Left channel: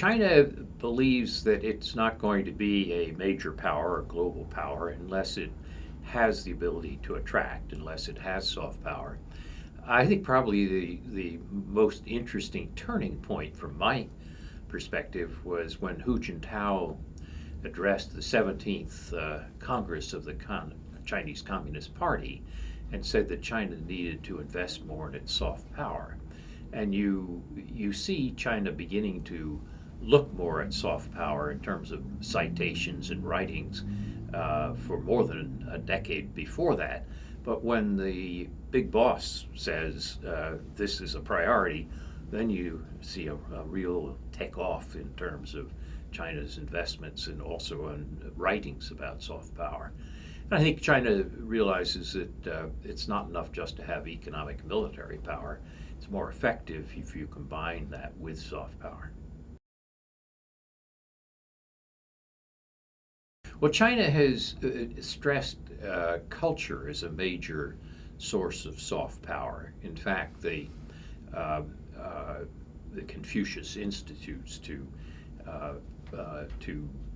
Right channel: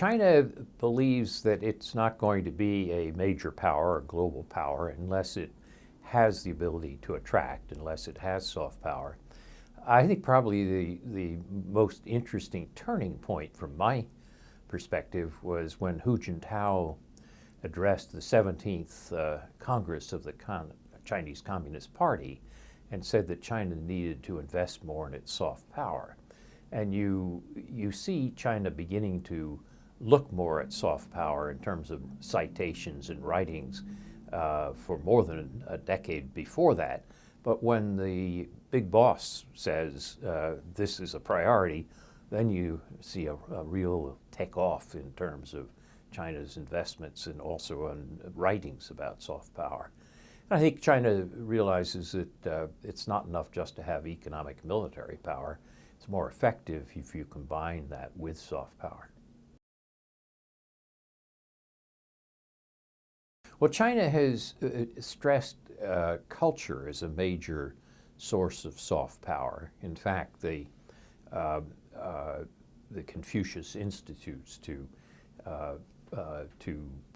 China believes that it's not going to be a major power or global power unless it has the ability to attract, unless it has soft power. I think probably the most interesting turning point from my perspective was when Hu Jintao addressed the 17th Congress of the Chinese Communist Party and said that China needed to invest more in its soft power. And you see China beginning to look more at soft power in terms of citations and writings for more than a decade before that. But when the big boss says this is a priority, then you see a real takeoff in terms of China's investments and also on writings about soft power. And I think China realizes that it's not enough just to have economic military power. It's more effective if you combine that with soft power. Well, China has stressed culture as a major source of soft power. In fact, uh, the Confucius institutes to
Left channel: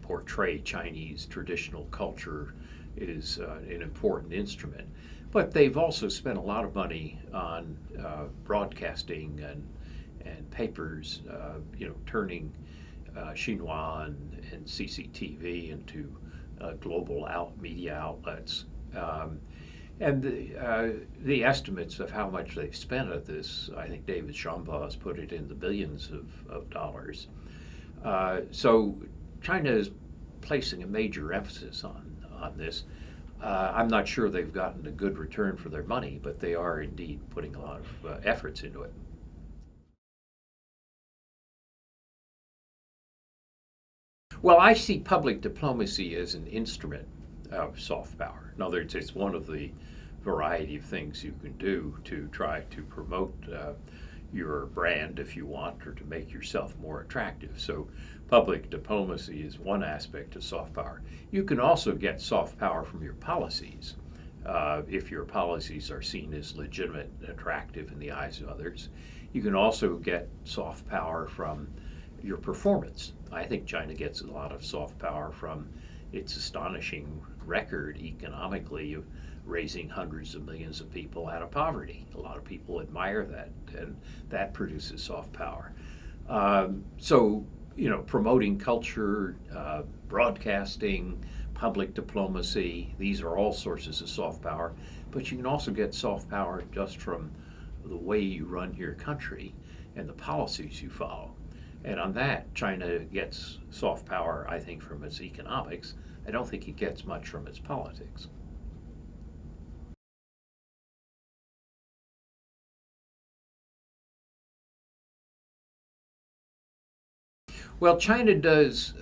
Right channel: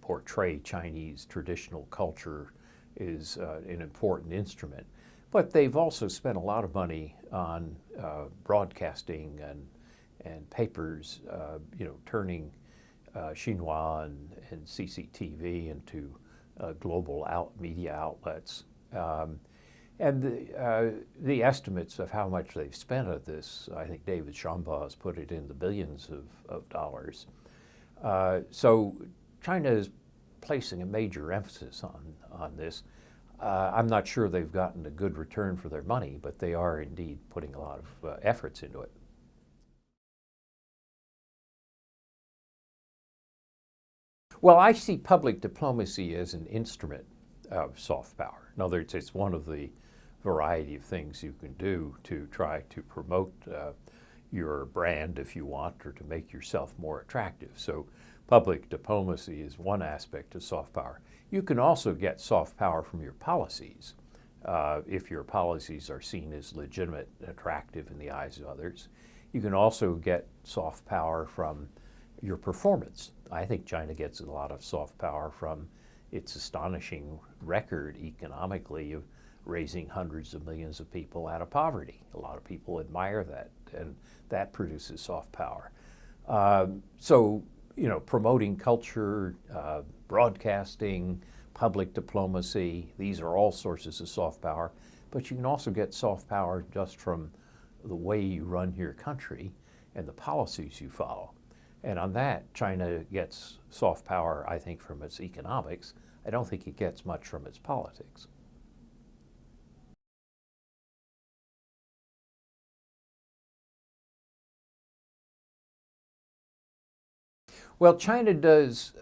portray Chinese traditional culture is an important instrument. But they've also spent a lot of money on broadcasting and papers, turning Xinhua and CCTV into global media outlets. And the estimates of how much they've spent on this, I think David Shambaugh has put it in the billions of dollars. So China is placing a major emphasis on this. I'm not sure they've gotten a good return for their money, but they are indeed putting a lot of efforts into it. Well, I see public diplomacy as an instrument of soft power. In other words, it's one of the variety of things you can do to try to promote your brand, if you want, or to make yourself more attractive. So public diplomacy is one aspect of soft power. You can also get soft power from your policies. If your policies are seen as legitimate and attractive in the eyes of others. You can also get soft power from your performance. I think China gets a lot of soft power from its astonishing record economically of raising hundreds of millions of people out of poverty. A lot of people admire that, and that produces soft power. So, promoting culture, broadcasting, public diplomacy, these are all sources of soft power. But you can also get soft power just from the way you run your country and the policies you follow. And on that, China gets soft power, I think, from its economics. I don't think it gets much from its politics. Well, China does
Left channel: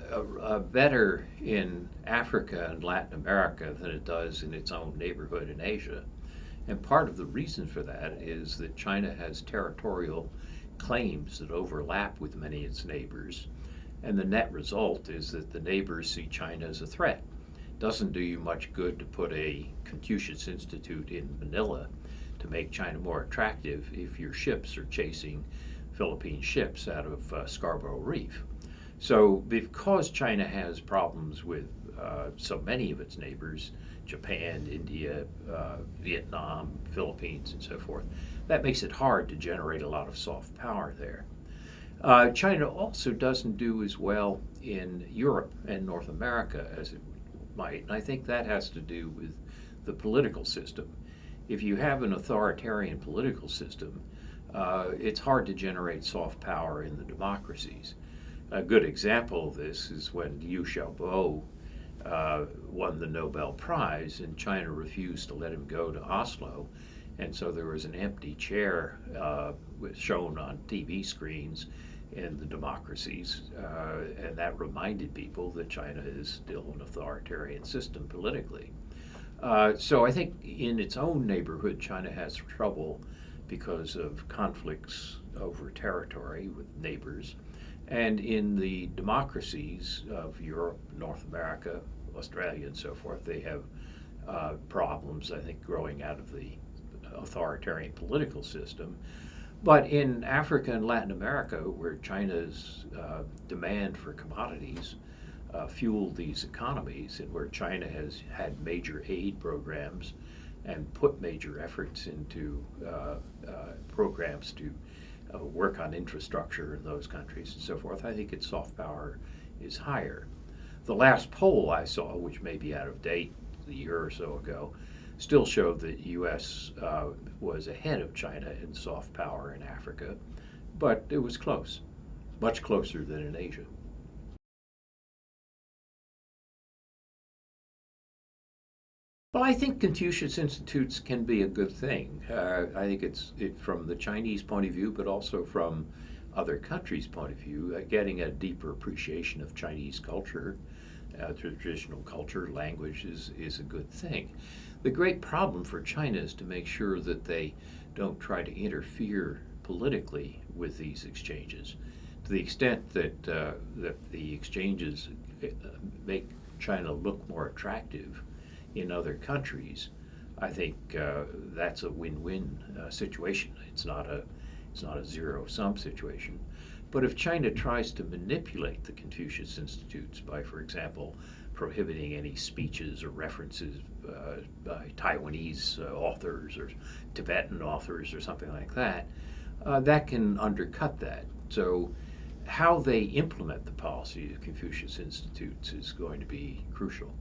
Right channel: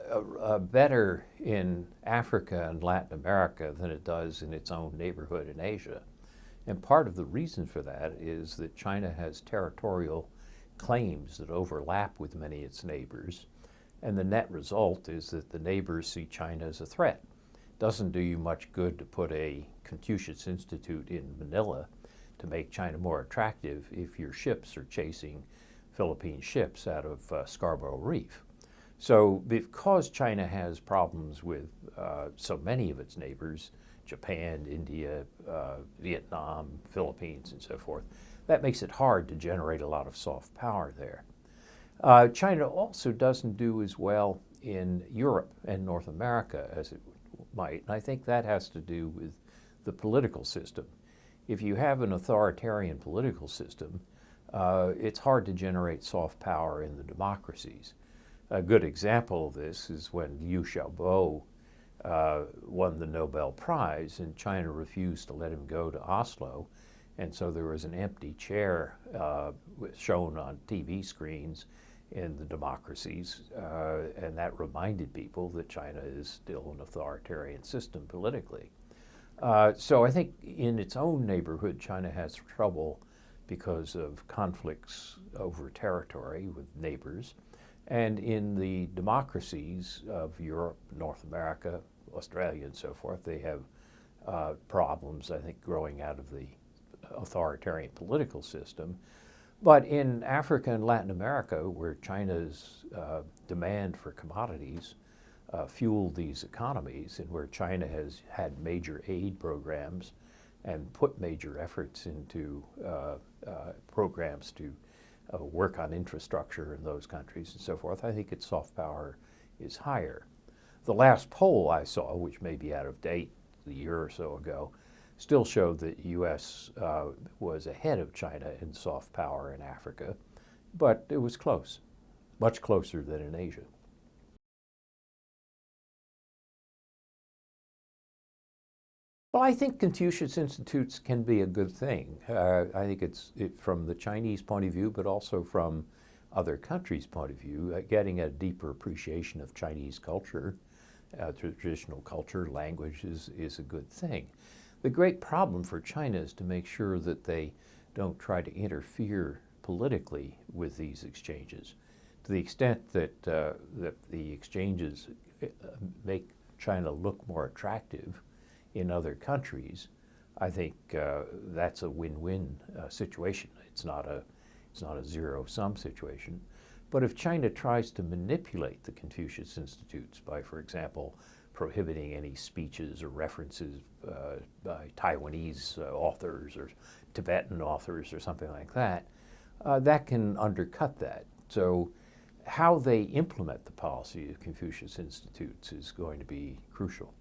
better in Africa and Latin America than it does in its own neighborhood in Asia. And part of the reason for that is that China has territorial claims that overlap with many of its neighbors. And the net result is that the neighbors see China as a threat. It doesn't do you much good to put a Confucius Institute in Manila to make China more attractive if your ships are chasing Philippine ships out of Scarborough Reef. So because China has problems with so many of its neighbors, Japan, India, Vietnam, Philippines, and so forth, that makes it hard to generate a lot of soft power there. China also doesn't do as well in Europe and North America as it might, and I think that has to do with the political system. If you have an authoritarian political system, it's hard to generate soft power in the democracies. A good example of this is when Liu Xiaobo won the Nobel Prize, and China refused to let him go to Oslo, and so there was an empty chair shown on TV screens in the democracies, and that reminded people that China is still an authoritarian system politically. So I think in its own neighborhood, China has trouble because of conflicts over territory with neighbors. And in the democracies of Europe, North America, Australia, and so forth, they have problems, I think, growing out of the authoritarian political system. But in Africa and Latin America, where China's demand for commodities fueled these economies, and where China has had major aid programs and put major efforts into programs to work on infrastructure in those countries and so forth, I think its soft power is higher. The last poll I saw, which may be out of date a year or so ago, still showed that the U.S. Was ahead of China in soft power in Africa, but it was close, much closer than in Asia. Well, I think Confucius Institutes can be a good thing. I think from the Chinese point of view, but also from other countries' point of view, getting a deeper appreciation of Chinese culture, traditional culture, language is a good thing. The great problem for China is to make sure that they don't try to interfere politically with these exchanges. To the extent that the exchanges make China look more attractive in other countries, I think that's a win-win situation. It's not a zero-sum situation. But if China tries to manipulate the Confucius Institutes by, for example, prohibiting any speeches or references by Taiwanese authors or Tibetan authors or something like that, that can undercut that. So how they implement the policy of Confucius Institutes is going to be crucial.